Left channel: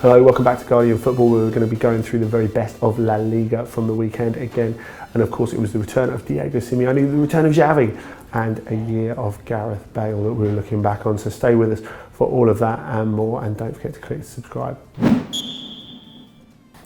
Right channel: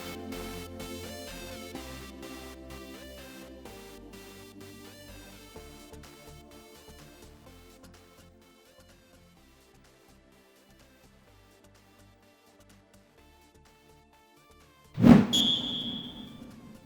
Hello, welcome back to Guardian Football. We're going to be going through the very best of La Liga from the weekend again. And of course it was the return of Diego Simeone, the return of Xavi, and a year of Gareth Bale that we were looking back on. So stay with us for all of that and more, and don't forget to click subscribe.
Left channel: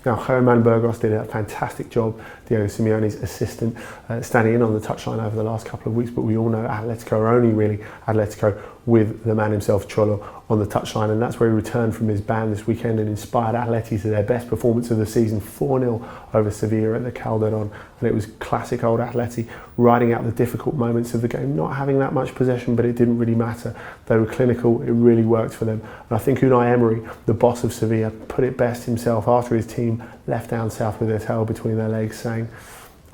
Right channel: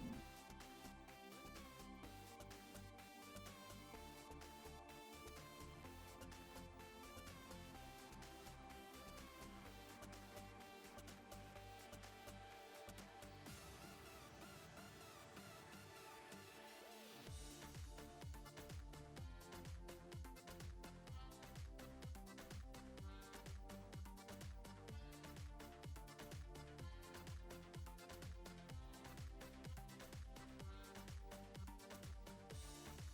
Now, Herman Burgos did a fantastic job, Diego Simeone's assistant, standing in on the touchline over the last couple of weeks, but we all know Atletico are only really Atletico with the man himself, Cholo, on the touchline, and that's where he returned from his ban this weekend and inspired Atleti to their best performance of the season, 4-0 over Sevilla at the Calderón, and it was classic old Atleti riding out the difficult moments of the game, not having that much possession, but it didn't really matter. They were clinical, it really worked for them, and I think Unai Emery, the boss of Sevilla, put it best himself after his team left down south with their tail between their legs, saying,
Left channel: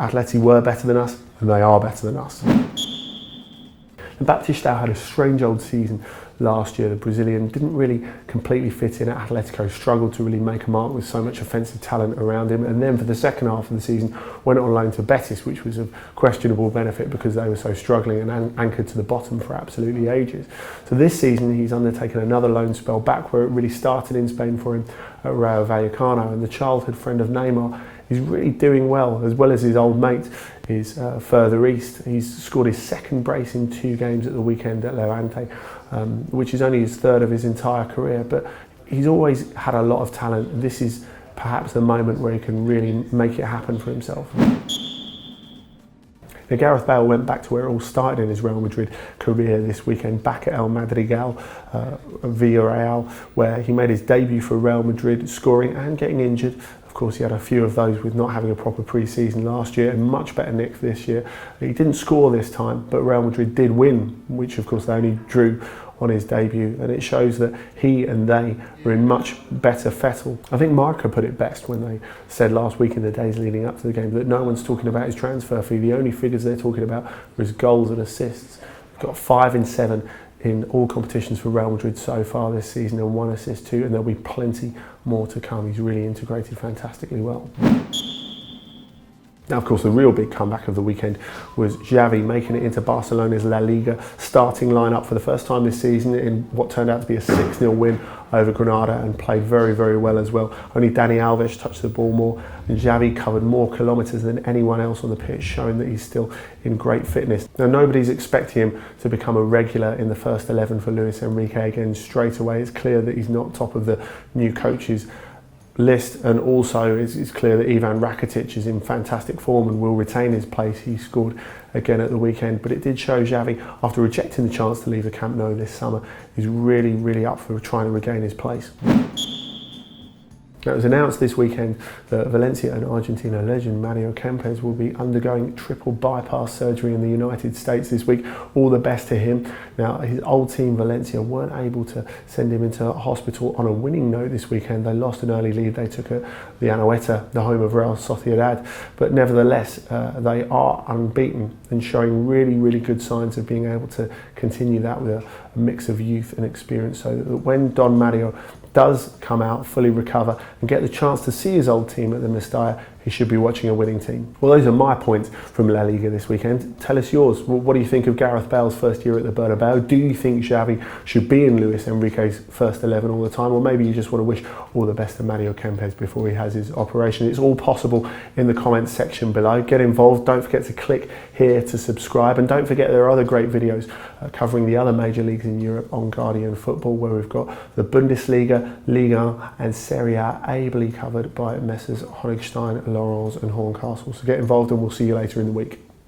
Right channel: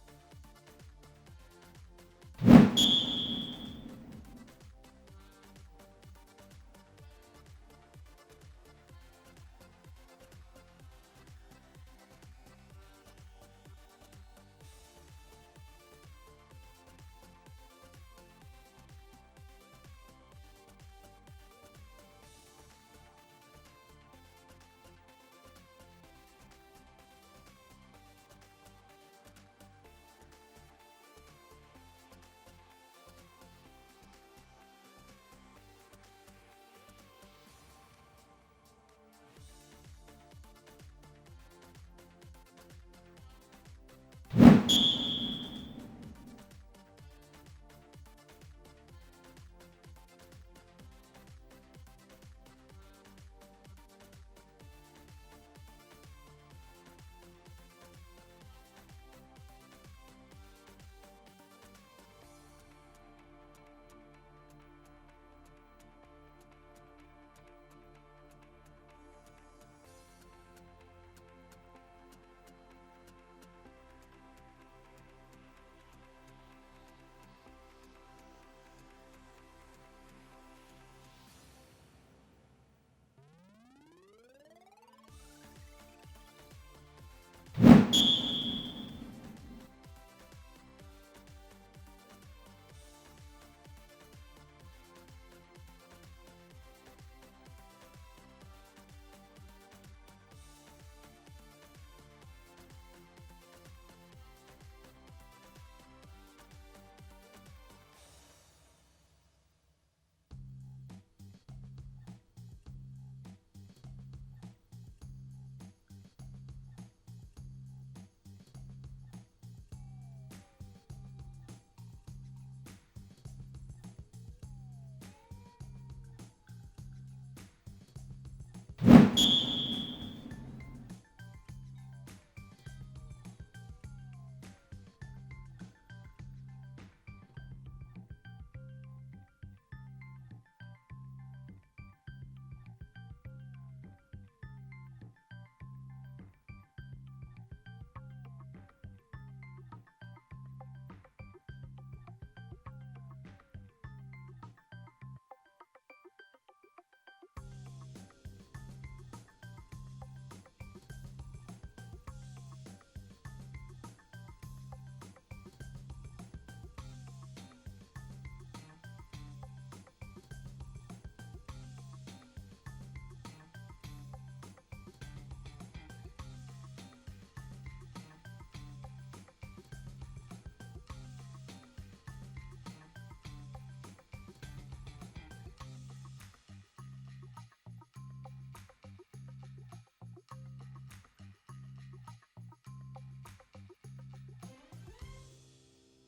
Atleti were better than us, and they are better than us. And Baptistão had a strange old season last year. The Brazilian didn't really completely fit in at Atletico, struggled to really make a mark with so much offensive talent around him, and then for the second half of the season went on loan to Betis, which was of questionable benefit because they were so struggling and anchored to the bottom for absolutely ages. So this season he's undertaken another loan spell back where it really started in Spain for him at Rayo Vallecano, and the childhood friend of Neymar is really doing well as his old mate is further east. He's scored his second brace in 2 games at the weekend at Levante, which is only his third of his entire career, but he's always had a lot of talent. This is perhaps the moment where he can really make it happen for himself. Now, Gareth Bale went back to where it all started in his Real Madrid career this weekend, back at El Madrigal, Villarreal, where he made his debut for Real Madrid, scoring and getting injured. Of course, he had a few of those with not having a proper pre-season last year, and much better nick this year. He didn't score this time, but Real Madrid did win, which of course they only drew on his debut, and it shows that he and they are in much better fettle. I think Marca put it best when they said last week in the days leading up to the game that no one's talking about his transfer fee. The only figures they're talking about are his goals and assists. He's got 5 in 7 in all competitions for Real Madrid so far this season, and 1 assist too, and there'll be plenty more to come. He's really integrated fantastically well. Now, of course, the real big comeback of the weekend was Xavi making it into Barcelona's La Liga starting lineup for the first time this season in what turned out to be a 6-0 win over Granada, and played very, very well as well. Only Dani Alves touched the ball more, and Xavi covered more kilometres than anyone else on the pitch, showing that he's still in great fitness. Now, nobody's expecting him to become a regular in the first 11 for Luis Enrique again straight away. It's clear that he's not top of the new coaches list, and also it's clear that Ivan Rakitic is in fantastic form and will retain his place. He scored again at the weekend, but it did show Xavi, after rejecting the chance to leave the Camp Nou this summer, is really up for trying to regain his place. Now, it was announced this weekend that Valencia and Argentina legend Mario Kempes will be undergoing triple bypass surgery in the United States this week. All the best to him. Now, his old team Valencia weren't able to send him into hospital on a winning note this weekend. They lost an early lead they took at the Anoeta, the home of Real Sociedad, but nevertheless they are unbeaten and showing really good signs of being able to continue that with a mix of youth and experience, so that when Don Mario does come out, fully recover and get the chance to see his old team at the Mestalla, he should be watching a winning team. Well, those are my points from La Liga this weekend. Tell us yours. Well, what do you think of Gareth Bale's first year at the Bernabeu? Do you think Xavi should be in Luis Enrique's first 11 all the time? Or maybe you just want to wish all the best to Mario Kempes before he has his operation. It's all possible in the comments section below. Get involved. Don't forget to click here to subscribe. And don't forget there are other great videos covering the other major leagues in Europe on Guardian Football, where we've got the Bundesliga, Liga and Serie A ably covered by Messrs Honigstein, Laurens and Horncastle. So get involved, and we'll see you later in the week.